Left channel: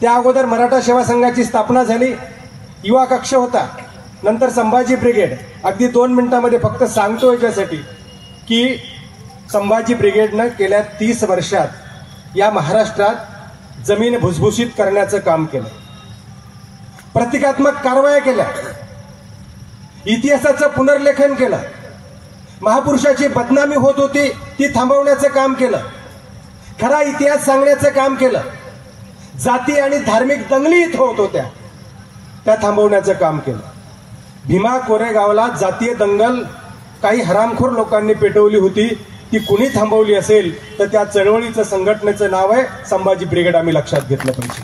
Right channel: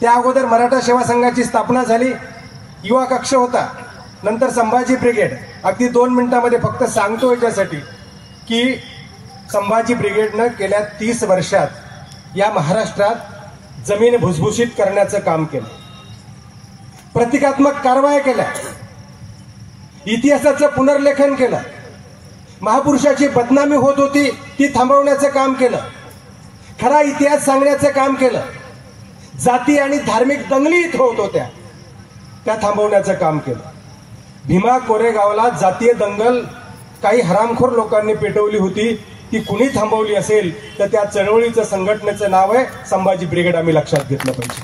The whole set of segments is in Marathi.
त्या अगोदर मराठा सेवा संघाची स्थापना झाली, युवा कक्ष होता, नंतर संभाजी ब्रिगेड. अगदी 2 मिनिटांमध्ये फक्त सांगतो याच्यासाठी की संभाजी ब्रिगेडनं गेल्या 30 वर्षात या महाराष्ट्रात जमीन भुसभुशीत करण्याचं काम केलं, प्रतिकात्मक कारवाया केल्या, इतिहासाचं पुनर्लेखन केलं, महापुरुषाची बदनामी होत होती ती थांबवण्याचं काम केलं, खरा इतिहास सांगण्याचं काम केलं, जाती आणि धार्मिक दंगली इथं होत होत्या त्या थांबवण्याचं काम केलं. भीमा कोरेगावला जातीय दंगल काही हरामखोर लोकांनी पेटवली होती, ती कुणी थांबवली असेल तर त्या चळवळीचं संघटनेचं नाव आहे संभाजी ब्रिगेड. आम्ही लक्षात घेतलं पाहिजे.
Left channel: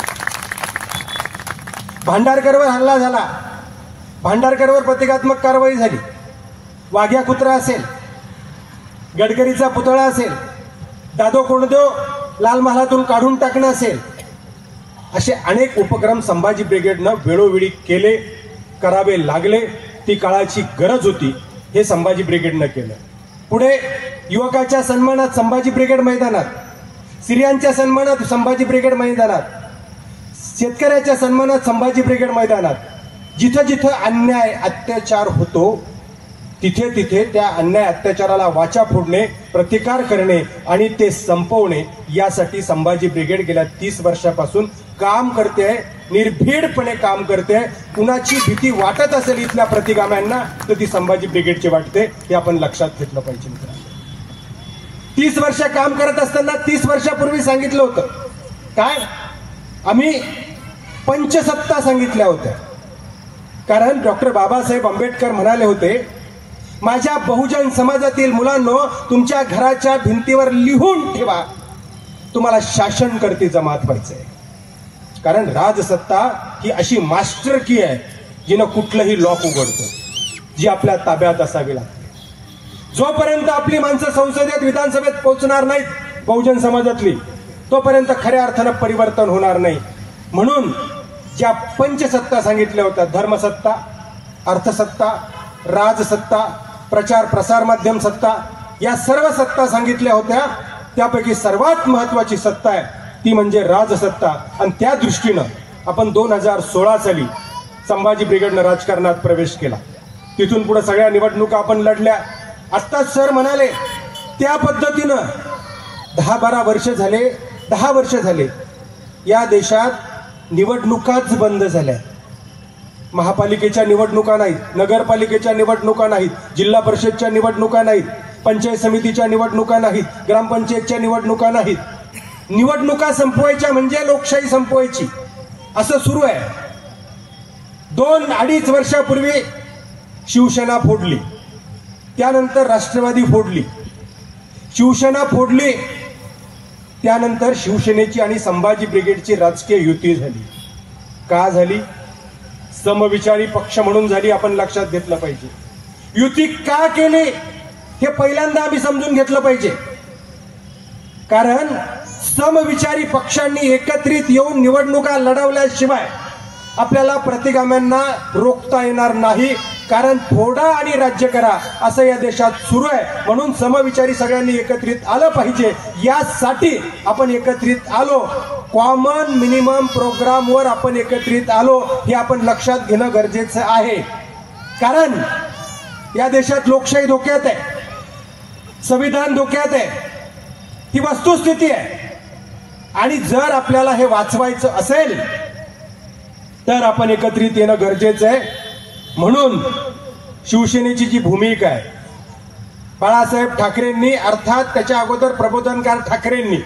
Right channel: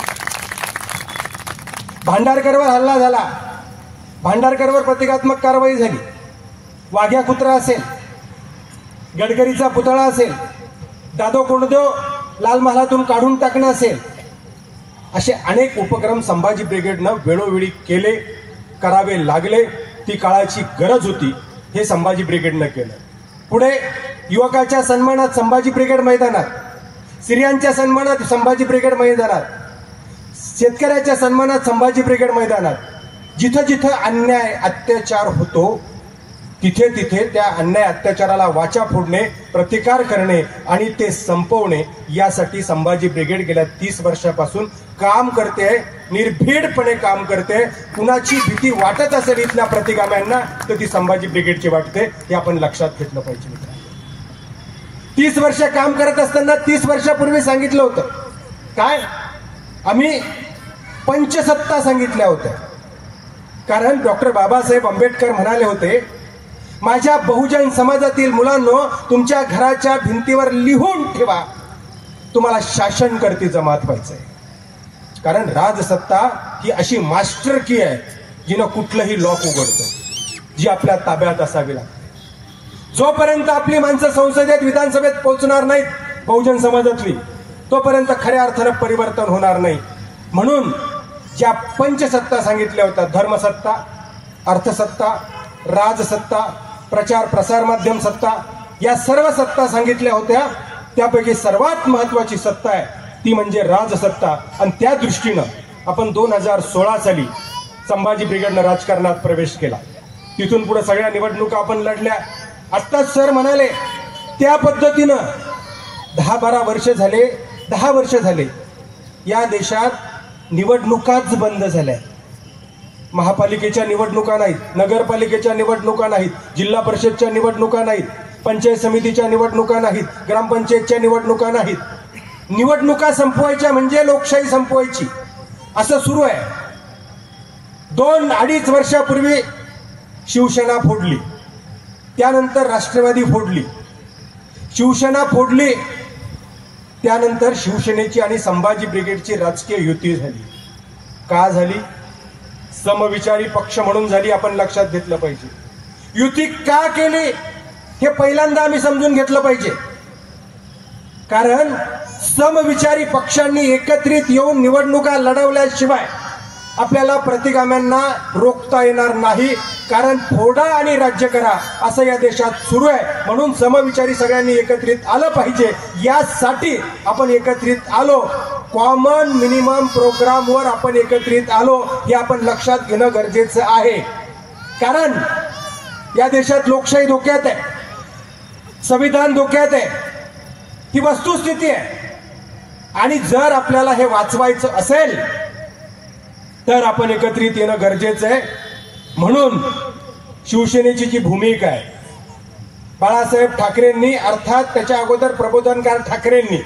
भांडारकरवर हल्ला झाला, भांडारकरवर प्रतिकात्मक कारवाई झाली. वाघ्या कुत्रा असेल, गडकरीचा पुतळा असेल, दादो कोंडदो लाल महालातून काढून टाकणं असेल, असे अनेक उपक्रम संभाजी ब्रिगेडनं वेळोवेळी केले, करावे लागले. ती काळाची गरज होती, हे संभाजी ब्रिगेडनं केलं. पुढे युवकाच्या सन्मानात संभाजी ब्रिगेड मैदानात, स्त्रियांच्या सन्मानात संभाजी ब्रिगेड मैदानात, शेतकऱ्याच्या सन्मानात संभाजी ब्रिगेड मैदानात, जिथं जिथं अन्याय अत्याचार होतो तिथे तिथे त्या अन्याय अत्याचाराला वाचा फोडणे, प्रतिकार करणे आणि ते संपवणे यासाठी संभाजी ब्रिगेड गेल्या 30 वर्षापासून काम करते, निर्भीडपणे काम करते. कुणाची भीती वाटत असेल इथल्या प्रतिगाम्यांना तर ती संभाजी ब्रिगेडची वाटते, हे आपण लक्षात घेतलं पाहिजे. 30 वर्ष काम करत असताना 30 वर्षापूर्वी सांगितलं होतं काय, आम्ही पंचसत्ता सांगितल्या होत्या. कारण डॉक्टर बाबासाहेब आंबेडकर म्हणाले होते, माझ्या बहुजन समाजातील मुलांनो, तुमच्या घराच्या भिंतीवर लिहून ठेवा, तुम्हाला शासनकर्ती जमात व्हायचंय. कारण राजसत्ता ही अशी मास्टर की आहे जिनं कुठलंही लॉक उघडतो, जी आपल्या ताब्यात असावी लागते. जोपर्यंत आपली माणसं संसदेत विधानसभेत पोहोचणार नाहीत बहुजन समाजातली, तोपर्यंत खऱ्या अर्थानं परिवर्तन होणार नाही. म्हणून ज्या पंचसत्ता सांगितल्या होत्या, धर्मसत्ता, अर्थसत्ता, राजसत्ता, प्रचार प्रसार माध्यम सत्ता, या सर्व सत्ता सांगितल्या होत्या. त्यापैकी सर्वात महत्वाची सत्ता आहे ती म्हणजे राजसत्ता. आणि त्या दृष्टीनं आपण 2016 साली संभाजी ब्रिगेडनं राजकारणात प्रवेश केला. तिथून पुढे सगळ्या निवडणुका आपण लढल्या. आत्ताच सर म्हणाले त्या पद्धतीनं 10-12 वर्ष झाले, 10 वर्ष झाले या देशात निवडणुकाच बंद झाल्या. महापालिकेच्या निवडणुका नाहीत, नगरपालिकेच्या निवडणुका नाहीत, जिल्हा परिषदच्या निवडणुका नाहीत, पंचायत समितीच्या निवडणुका नाहीत, ग्रामपंचायतच्या निवडणुका नाहीत. निवडणुका संपवायच्या म्हणजे लोकशाही संपवायची असं सुरू आहे. 2-2.5 वर्षापूर्वी शिवसेना फोडली, त्यानंतर राष्ट्रवादी फोडली, शिवसेना फोडली, त्यानंतर शिवसेनेची आणि संभाजी ब्रिगेडची राजकीय युती झाली. का झाली? समविचारी पक्ष म्हणून झाली. आपण लक्षात घेतलं पाहिजे. युती का केली हे पहिल्यांदा आम्ही समजून घेतलं पाहिजे. कारण समविचारी पक्षांनी एकत्रित येऊन निवडणुका लढवल्याशिवाय आपल्याला प्रतिगाम्यांना रोखता येणार नाही. कारण फोडा आणि राज्य करा असं या देशात सुरू आहे. म्हणून समविचारी सगळ्यांनी एकत्रित आलं पाहिजे. यासाठी आपण एकत्रित आलो. कॉमन मिनिमम प्रोग्रामवर आपण एकत्रित आलो, हे आपण लक्षात घेणं गरजेचं आहे. कारण या देशात लोकशाही धोक्यात आहे, संविधान धोक्यात आहे, ही वस्तुस्थिती आहे. आणि जर आपल्याला हे वाचवायचं असेल तर आपण एकत्रित येणं गरजेचं आहे. म्हणून शिवसेनेची जी भूमिका आहे, बाळासाहेब ठाकरेंनी, अर्थात त्याच्या अगोदर प्रबोधनकार ठाकरेंनी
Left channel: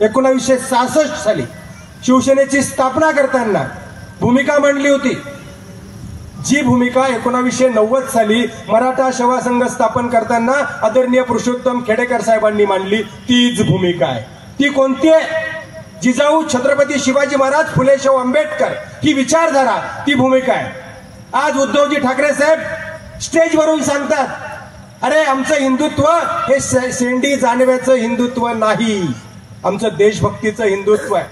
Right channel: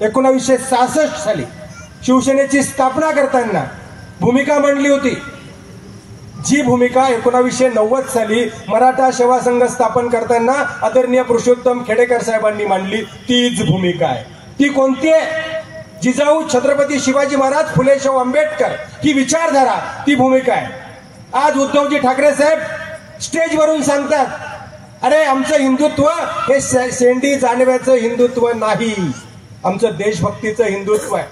1966 साली शिवसेनेची स्थापना करताना भूमिका मांडली होती. जी भूमिका 1990 साली मराठा सेवा संघ स्थापन करताना आदरणीय पुरुषोत्तम खेडेकर साहेबांनी मांडली, तीच भूमिका आहे. ती कोणती आहे? जिजाऊ छत्रपती शिवाजी महाराज, फुले शाहू आंबेडकर ही विचारधारा, ती भूमिका आहे. आज उद्धवजी ठाकरे साहेब स्टेजवरून सांगतात, अरे आमचं हिंदुत्व हे शेंडी जानव्याचं हिंदुत्व नाही, आमचं देशभक्तीचं हिंदुत्व आहे,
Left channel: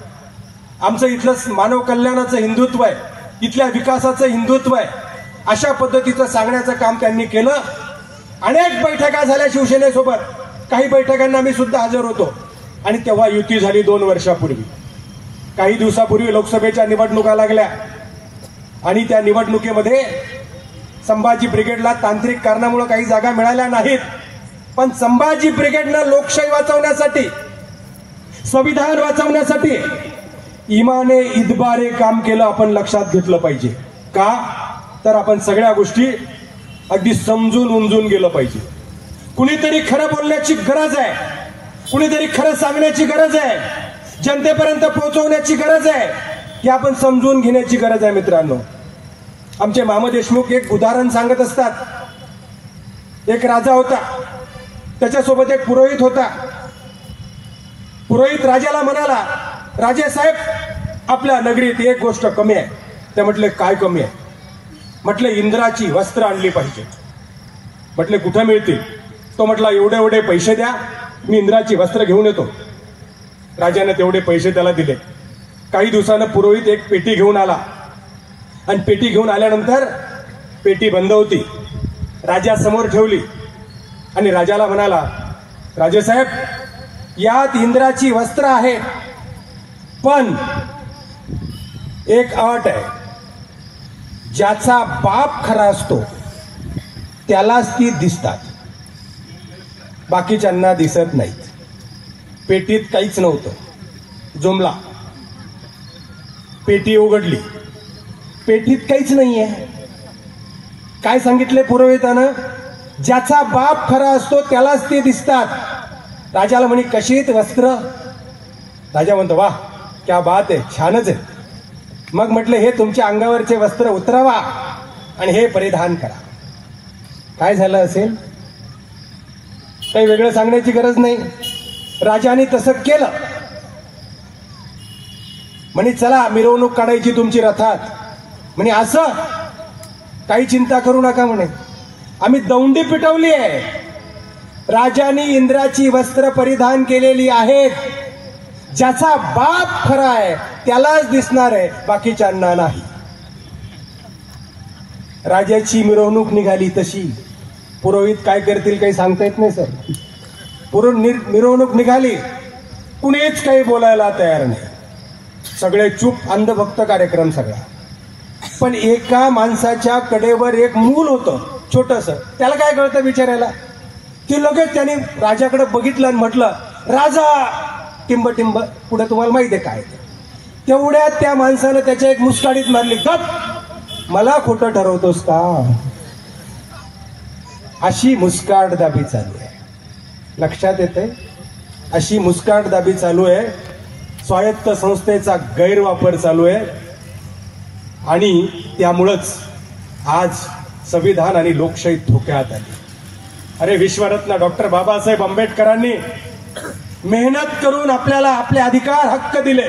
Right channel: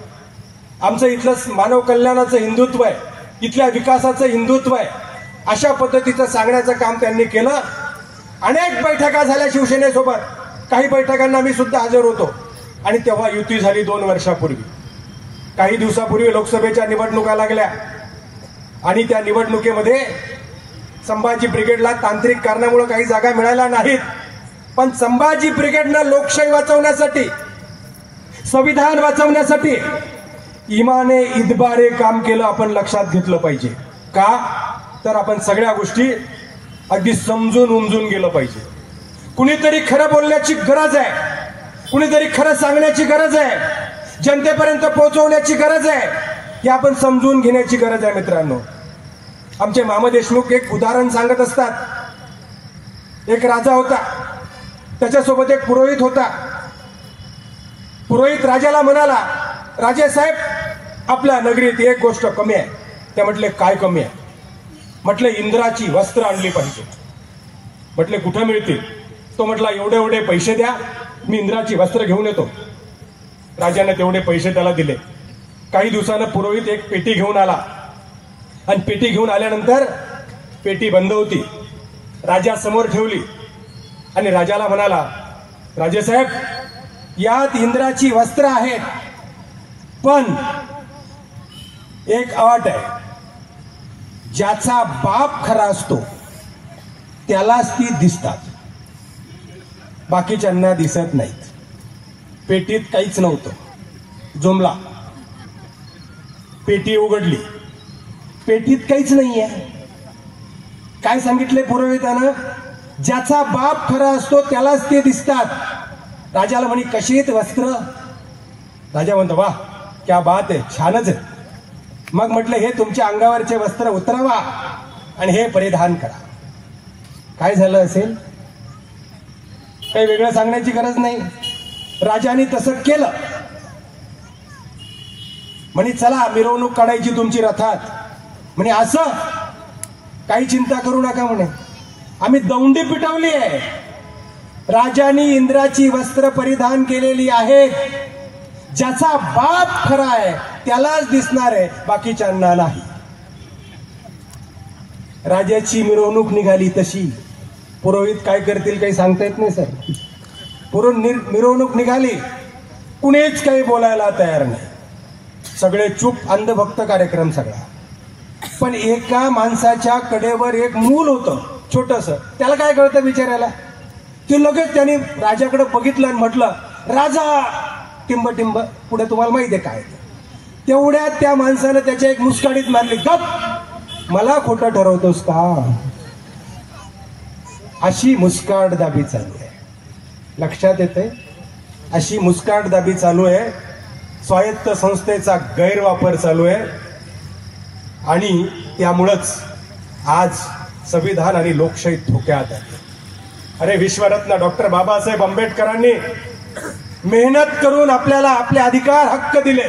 आमचं इथलं मानव कल्याणाचं हिंदुत्व आहे, इथल्या विकासाचं हिंदुत्व आहे. अशा पद्धतीचं सांगण्याचं काम त्यांनी केलं. अनेक बैठका झाल्या शिवसेनेसोबत, काही बैठकांना मी सुद्धा हजर होतो. आणि तेव्हा युती झाली 2 वर्षापूर्वी. काही दिवसापूर्वी लोकसभेच्या निवडणुका लागल्या आणि त्या निवडणुकीमध्ये संभाजी ब्रिगेडला तांत्रिक कारणामुळे काही जागा मिळाल्या नाहीत, पण संभाजी ब्रिगेडनं लोकशाही वाचवण्यासाठी, संविधान वाचवण्यासाठी इमाने इतबारे काम केलं. आपण लक्षात घेतलं पाहिजे. का तर आपण सगळ्या गोष्टी अगदी समजून उमजून गेलं पाहिजे. कुणीतरी खरं बोलण्याची गरज आहे, कुणीतरी खरं सांगण्याची गरज आहे, जनतेपर्यंत पोहोचवण्याची गरज आहे, हे आपण समजून घेण्याची गरज आहे. मित्रांनो, आमचे मामा देशमुख एक उदाहरण सांगत असतात. एक राजा होता, त्याच्यासोबत एक पुरोहित होता. पुरोहित राजाला म्हणाला, राजे साहेब, आपल्या नगरीत एक गोष्ट कमी आहे. ते म्हटले, काय कमी आहे? म्हटले, इंद्राची वस्त्र आणली पाहिजे. म्हटले, कुठे मिळतील? तो म्हटला, एवढे एवढे पैसे द्या, मी इंद्राची वस्त्र घेऊन येतो. राजाने तेवढे पैसे त्याला दिले. काही दिवसानं पुरोहित एक पेटी घेऊन आला आणि पेटी घेऊन आल्यानंतर पेटी बंद होती. राजा समोर ठेवली आणि राजाला म्हणाला, राजेसाहेब, यात इंद्राची वस्त्र आहेत, पण एक अट आहे. ज्याचा बाप खरा असतो त्यालाच ती दिसतात, बाकीच्यांना दिसत नाहीत. पेटीत काहीच नव्हतं. जुमला. पेटी उघडली, पेटीत काहीच नाहीये. काय सांगितले पुरोहितानं? ज्याचा बाप खरा असतो त्यालाच ते दिसतात. राजाला म्हणे, कशी आहेत वस्त्र? राजा म्हणतो, वाह, क्या बात आहे, छानच आहे. मग म्हटलं, हे तुमच्या अंगावरचे वस्त्र उतरवा आणि हे परिधान करा. काय झालं असेल? काही वेगळं सांगण्याची गरज नाही. राजाने तसं केलं. म्हणे, चला मिरवणूक काढायची तुमची रथात. म्हणे, असं काही चिंता करू नका, म्हणे, आम्ही दौंडी पिटवली आहे. राजानी इंद्राची वस्त्र परिधान केलेली आहेत. ज्याचा बाप खरा आहे त्यालाच दिसणार आहे, बाकीच्यांना नाही. राजाची मिरवणूक निघाली तशी. पुरोहित काय करतील काही सांगता येत नाही सर. मिरवणूक निघाली, कुणीच काही बोलायला तयार नाही. सगळे चूप, अंधभक्त कार्यक्रम सगळा. पण एका माणसाच्या कडेवर एक मूल होतं, छोटस. त्याला काय कळतं बिचारायला? की लगेच त्यांनी राजाकडे बघितलं आणि म्हटलं, राजा, टिंब टिंब. पुढे तुम्हाला माहिती आहे काय? तेवढ्यात त्या माणसानं त्याच्या एक मुस्काडीत मारली, गप, मला खोटं ठरवतोस का? अशी मुस्काटदाबी चालू आहे. लक्षात येते? अशी मुस्काटदाबी चालू आहे. स्वायत्त संस्थेचा गैरवापर चालू आहे आणि त्यामुळंच आज संविधान आणि लोकशाही धोक्यात आहे. अरे, विश्वरत्न डॉक्टर बाबासाहेब आंबेडकरांनी मेहनत करून आपल्याला आपले अधिकार, हक्क दिले,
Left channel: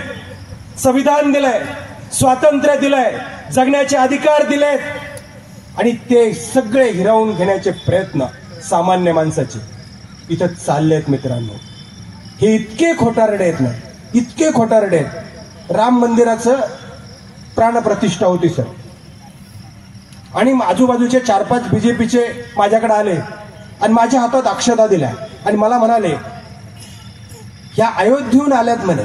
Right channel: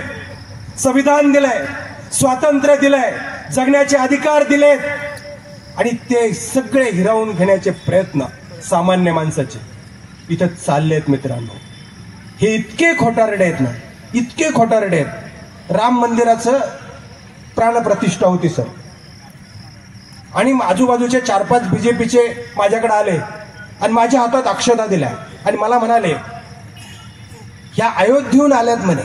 संविधान दिलंय, स्वातंत्र्य दिलंय, जगण्याचे अधिकार दिलेत आणि ते सगळे हिरावून घेण्याचे प्रयत्न सामान्य माणसाचे इथं चाललेत. मित्रांनो, हे इतके खोटारडे आहेत ना, इतके खोटारडे आहेत. राम मंदिराचं प्राणप्रतिष्ठा होती सर, आणि आजूबाजूचे 4-5 बीजेपीचे माझ्याकडे आले आणि माझ्या हातात अक्षता दिल्या आणि मला म्हणाले, या अयोध्येहून आल्यात म्हणे.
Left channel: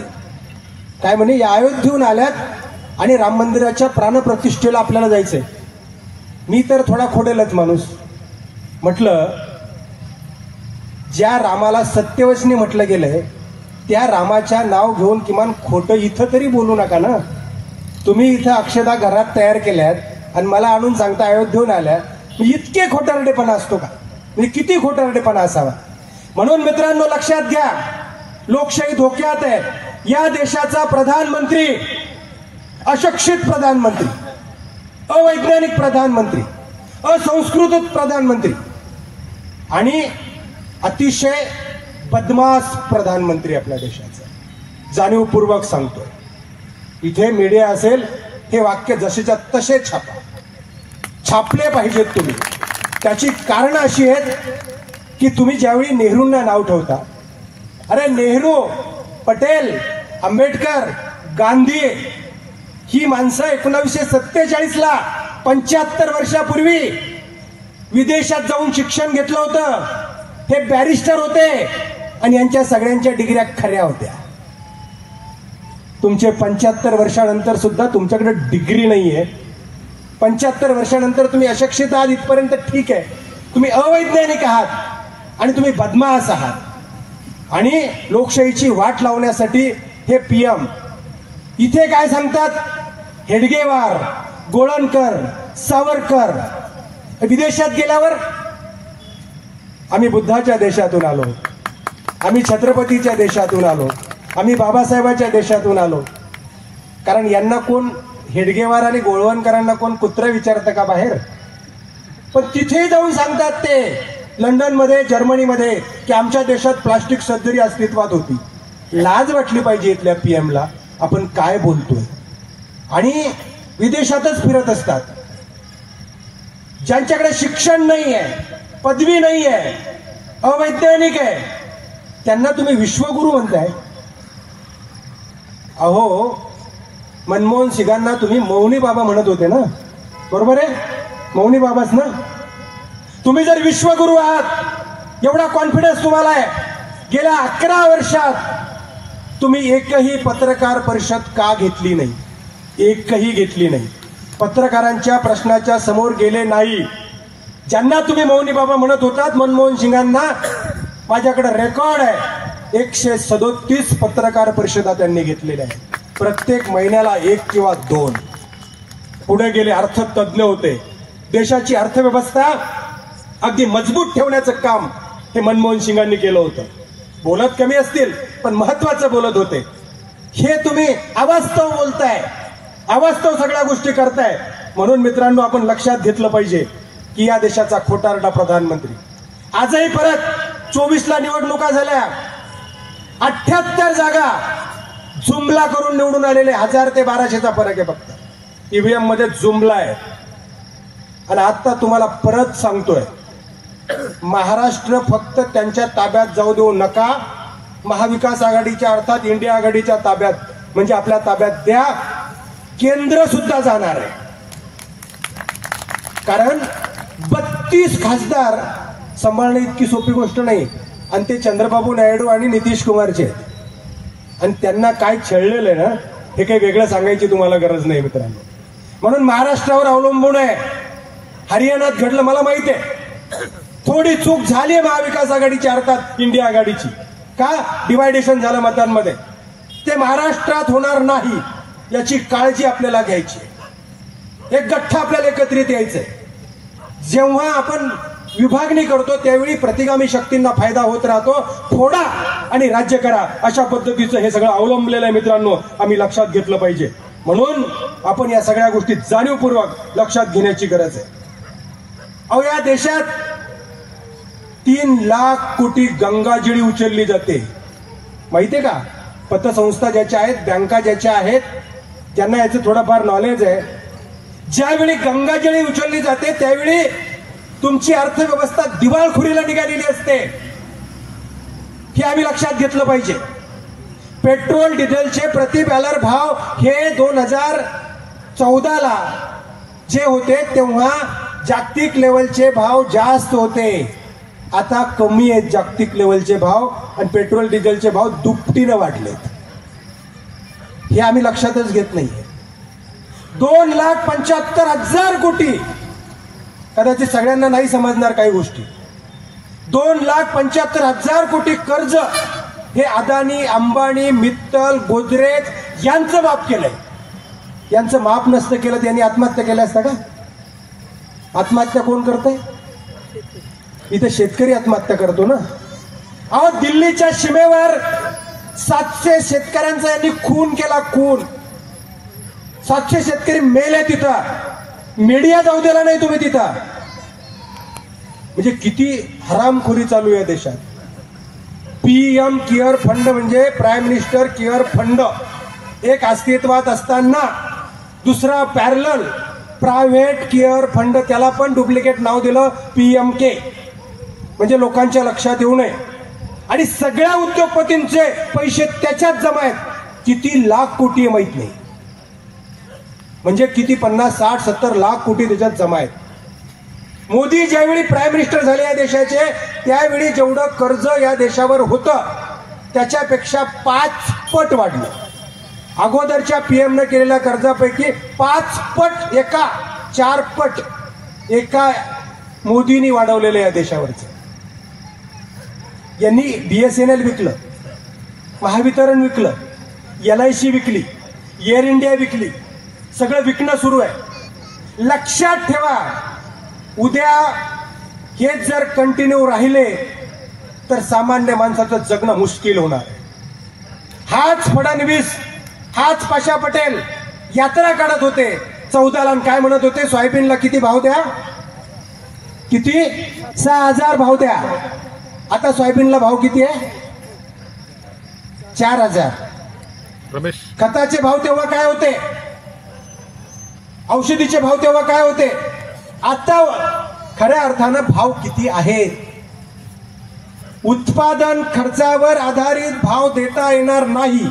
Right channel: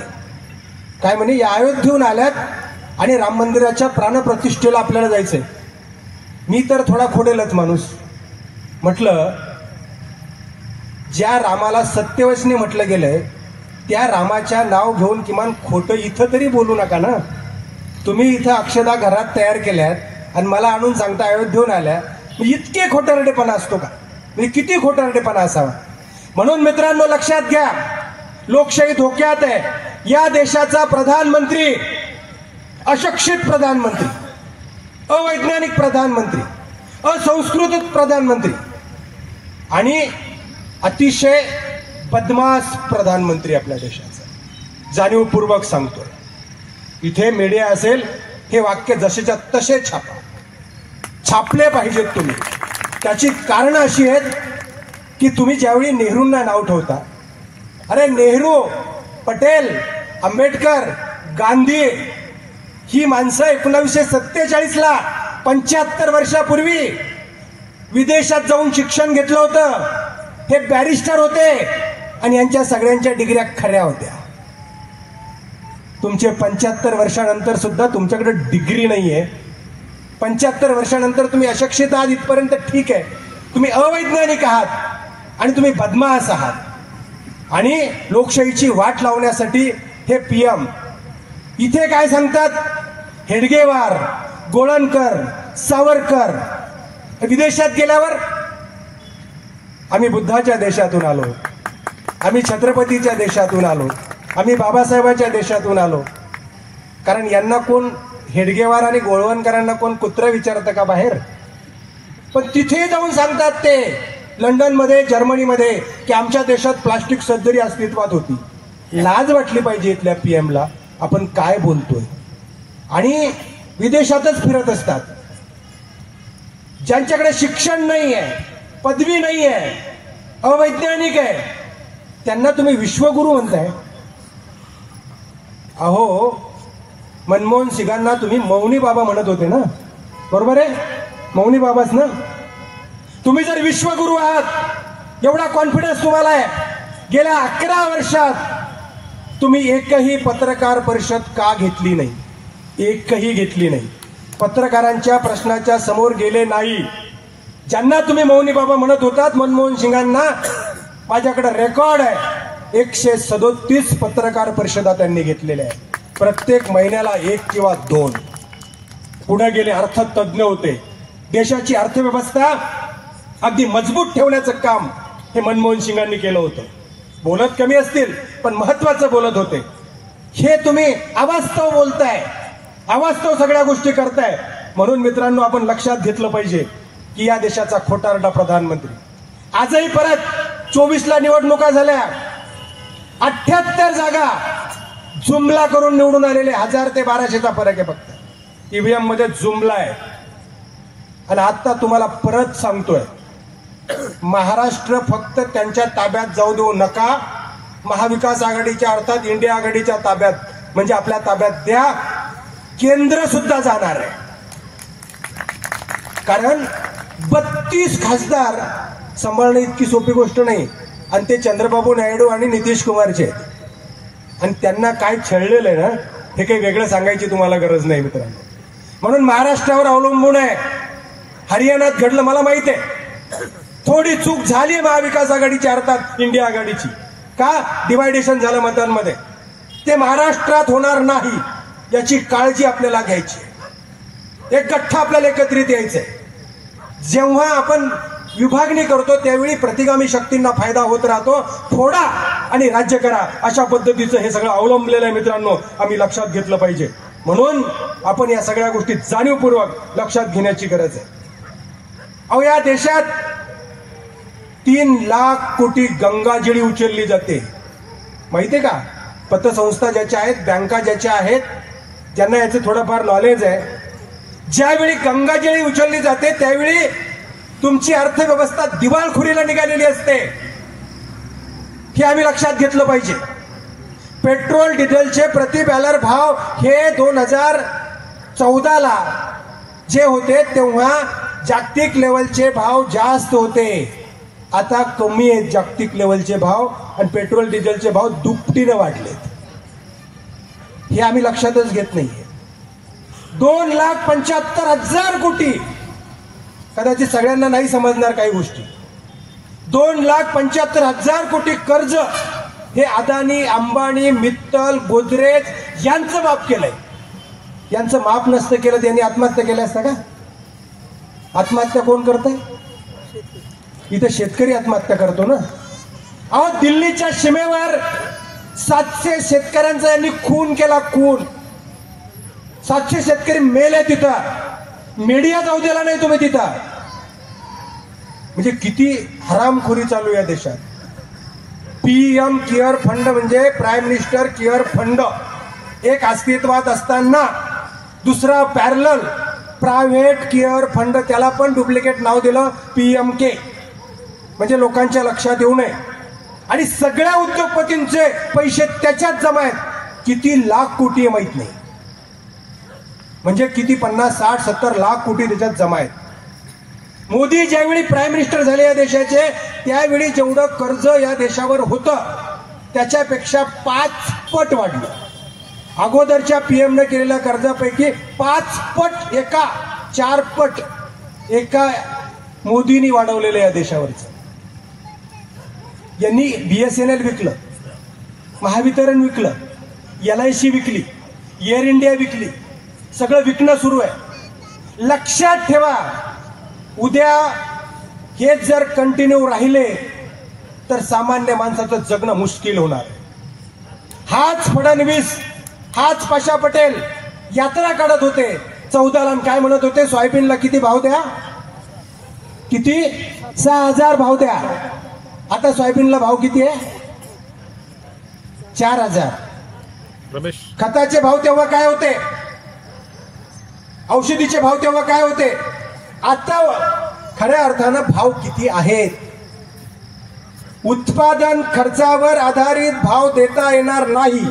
काय म्हणे? या अयोध्येहून आल्यात आणि राम मंदिराच्या प्राणप्रतिष्ठेला आपल्याला जायचंय. मी तर थोडा खोडेलच माणूस. म्हटलं, ज्या रामाला सत्यवचने म्हटलं गेलंय त्या रामाच्या नाव घेऊन किमान खोटं इथं तरी बोलू नका ना. तुम्ही इथं अक्षता घरात तयार केल्यात आणि मला आणून सांगता अयोध्येहून आल्या. इतके खोटारडेपणा असतो का? किती खोटारडेपणा असावा? म्हणून मित्रांनो, लक्षात घ्या, लोकशाही धोक्यात आहे. या देशाचा प्रधानमंत्री अशिक्षित प्रधानमंत्री, अवैज्ञानिक प्रधानमंत्री, असंस्कृत प्रधानमंत्री आणि अतिशय बदमाश प्रधानमंत्री आपल्या देशाचा. जाणीवपूर्वक सांगतोय. इथे मीडिया असेल, हे वाक्य जसेच्या तसे छापा. छापले पाहिजेत तुम्ही. त्याची कारण अशी आहेत की तुम्ही ज्यावेळी नेहरूंना नाव ठेवता, अरे नेहरू, पटेल, आंबेडकर, गांधी ही माणसं 1947ला 75 वर्षापूर्वी विदेशात जाऊन शिक्षण घेतलं होतं. हे बॅरिस्टर होते आणि यांच्या सगळ्यांच्या डिग्र्या खऱ्या होत्या. तुमचे 75 वर्षानंतर सुद्धा तुमच्याकडे डिग्री नाहीये. 75 वर्षानंतर तुम्ही अशिक्षित आहात इथपर्यंत ठीक आहे. तुम्ही अवैज्ञानिक आहात आणि तुम्ही बदमाश आहात. आणि लोकशाहीची वाट लावण्यासाठी हे पीएम इथे काय सांगतात, हेडगेवार, गोळणकर, सावरकर. विदेशात गेल्यावर आम्ही बुद्धाच्या देशातून आलो, आम्ही छत्रपतीच्या देशातून आलो, आम्ही बाबासाहेबांच्या देशातून आलो. कारण यांना कोण हेडगेवार आणि गोळवणकरांना कोण कुत्रा विचारतं का बाहेर? पण तिथे जाऊन सांगतात ते लंडनमध्ये, जर्मनीमध्ये की आमच्या देशात प्लास्टिक सर्जरी अस्तित्वात होती. लाज वाटली पाहिजे इथल्या पीएमला, आपण काय बोलतोय. आणि विदेशातच फिरत असतात. ज्यांच्याकडे शिक्षण नाही आहे, पदवी नाही आहे, अवैज्ञानिक आहे, त्यांना तुम्ही विश्वगुरू म्हणताय. अहो, मनमोहन सिंगांना तुम्ही मौनी बाबा म्हणत होते ना, बरोबर आहे? मौनी बाबाच ना. तुम्ही जर विश्वगुरू आहात, एवढा कॉन्फिडन्स तुम्हाला आहे, गेल्या 11 वर्षात तुम्ही एकही पत्रकार परिषद का घेतली नाही? एकही घेतली नाही. पत्रकारांच्या प्रश्नाच्या समोर गेले नाही. ज्यांना तुम्ही मौनी बाबा म्हणत होतात, मनमोहन सिंगांना, माझ्याकडे रेकॉर्ड आहे, 137 पत्रकार परिषदा त्यांनी घेतलेल्या आहे. प्रत्येक महिन्याला 1 किंवा 2. पुढे गेले, अर्थतज्ञ होते. देशाची अर्थव्यवस्था अगदी मजबूत ठेवण्याचं काम हे मनमोहन सिंगांनी केलं होतं. बोलत कमी असतील पण महत्वाचं बोलत होते. हे तुम्ही अवास्तव बोलताय, अवास्तव सगळ्या गोष्टी करताय. म्हणून मित्रांनो, आपण लक्षात घेतलं पाहिजे की या देशाचा खोटारडा प्रधानमंत्री आजही परत 24ला निवडणुका झाल्या, 78 जागा जुमला करून निवडून आलेले. 1000 ते 1200चा फरक आहे फक्त. ईव्हीएम मध्ये जुमला आहे. आणि आता तुम्हाला परत सांगतोय, महाराष्ट्र फक्त त्यांच्या ताब्यात जाऊ देऊ नका. महाविकास आघाडीच्या अर्थात इंडिया आघाडीच्या ताब्यात, म्हणजे आपल्या ताब्यात द्या. केंद्र सुद्धा जाणार आहे. कारण 32 खासदार सांभाळणे इतकी सोपी गोष्ट नाही. आणि ते चंद्रबाबू नायडू आणि नितीश कुमारचे. आणि त्यांना काय छळलेलं आहे ना, हे काही वेगळं सांगायची तुम्हाला गरज नाही मित्रांनो. म्हणून महाराष्ट्रावर अवलंबून आहे. हरियाणात घडलं मला माहिती आहे. थोडी चूक झाली महाविकास आघाडीची अर्थात इंडिया आघाडीची. का? डिवायडेशन झालं मतांमध्ये. ते महाराष्ट्रात होणार नाही याची काळजी आपल्याला घ्यायची. एक गठ्ठा आपल्याला एकत्रित यायचंय. जेव्हा आपण विभागणी करतो त्यावेळी प्रतिगामी शक्तींना फायदा होत राहतो. फोडा आणि राज्य करा, अशा पद्धतीचं हे सगळं अवलंबलेलं आहे मित्रांनो. आम्ही लक्षात घेतलं पाहिजे. म्हणून आपण या सगळ्या गोष्टी जाणीवपूर्वक लक्षात घेण्याची गरज आहे. अहो, या देशात 3 लाख कोटी गंगाजळी उचलली जाते, माहितीये का? पतसंस्था ज्याच्या आहेत, बँका ज्याच्या आहेत, ज्यांना याचं थोडंफार नॉलेज आहे. ज्यावेळी गंगाजळी उचलली जाते त्यावेळी तुमची अर्थव्यवस्था दिवाळखोरीला निघालेली असते. हे आम्ही लक्षात घेतलं पाहिजे. पेट्रोल डिझेलचे प्रति बॅलर भाव हे 2014ला जे होते तेव्हा जागतिक लेवलचे भाव जास्त होते. आता कमी आहेत जागतिक लेवलचे भाव आणि पेट्रोल डिझेलचे भाव दुपटीने वाढलेत. हे आम्ही लक्षातच घेत नाहीये. 2,75,000 कोटी, कदाचित सगळ्यांना नाही समजणार काही गोष्टी. 2,75,000 कोटी कर्ज हे अदानी, अंबानी, मित्तल, गोदरेज यांचं माफ केलंय. यांचं माफ नसतं केलं त्यांनी आत्महत्या केल्या असत्या का? आत्महत्या कोण करतंय? इथे शेतकरी आत्महत्या करतो ना. अहो, दिल्लीच्या सीमेवर 700 शेतकऱ्यांचा यांनी खून केला. खून. 700 शेतकरी मेले तिथं. मीडिया जाऊ दिला नाही तुम्ही तिथं. म्हणजे किती हरामखोरी चालू या देशात. पीएम केअर फंड म्हणजे प्राईम मिनिस्टर केअर फंड एक अस्तित्वात असताना दुसरा पॅरलल प्रायव्हेट केअर फंड, त्याला पण डुप्लिकेट नाव दिलं पीएमके, म्हणजे लोकांच्या लक्षात येऊ नये. आणि सगळ्या उद्योगपतींचे पैसे त्याच्यात जमा आहेत. किती लाख कोटी आहे माहित नाही. म्हणजे किती 50, 60, 70 लाख कोटी त्याच्यात जमा आहेत. मोदी ज्यावेळी प्राईम मिनिस्टर झाले या देशाचे, त्यावेळी जेवढं कर्ज या देशावर होतं त्याच्यापेक्षा 5 पट वाढलं. अगोदरच्या पीएमने केलेल्या कर्जापैकी 5 पट 4 पट एका मोदींनी वाढवलेलं या देशावरचं. यांनी बीएसएनएल विकलं, महावितरण विकलं, LIC विकली, एअर इंडिया विकली, सगळं विकणं सुरू आहे. लक्षात ठेवा, उद्या हे जर कंटिन्यू राहिले तर सामान्य माणसाचं जगणं मुश्किल होणार आहे. हाच फडणवीस, हाच पाशा पटेल यात्रा काढत होते 14ला, काय म्हणत होते, सोयाबीनला किती भाव द्या, किती 6000 भाव द्या. आता सोयाबीनला भाव किती आहे, 4000. रमेश, खताचे भाव तेव्हा काय होते, औषधीचे भाव तेव्हा काय होते, आता खऱ्या अर्थानं भाव किती आहेत. उत्पादन खर्चावर आधारित भाव देता येणार नाही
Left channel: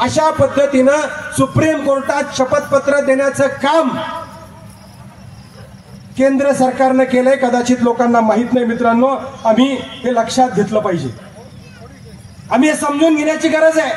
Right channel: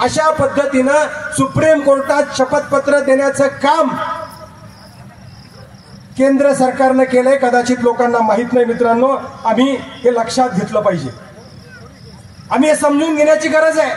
अशा पद्धतीनं सुप्रीम कोर्टात शपथपत्र देण्याचं काम केंद्र सरकारने केलंय. कदाचित लोकांना माहित नाही मित्रांनो, आम्ही हे लक्षात घेतलं पाहिजे, आम्ही हे समजून घेण्याची गरज आहे.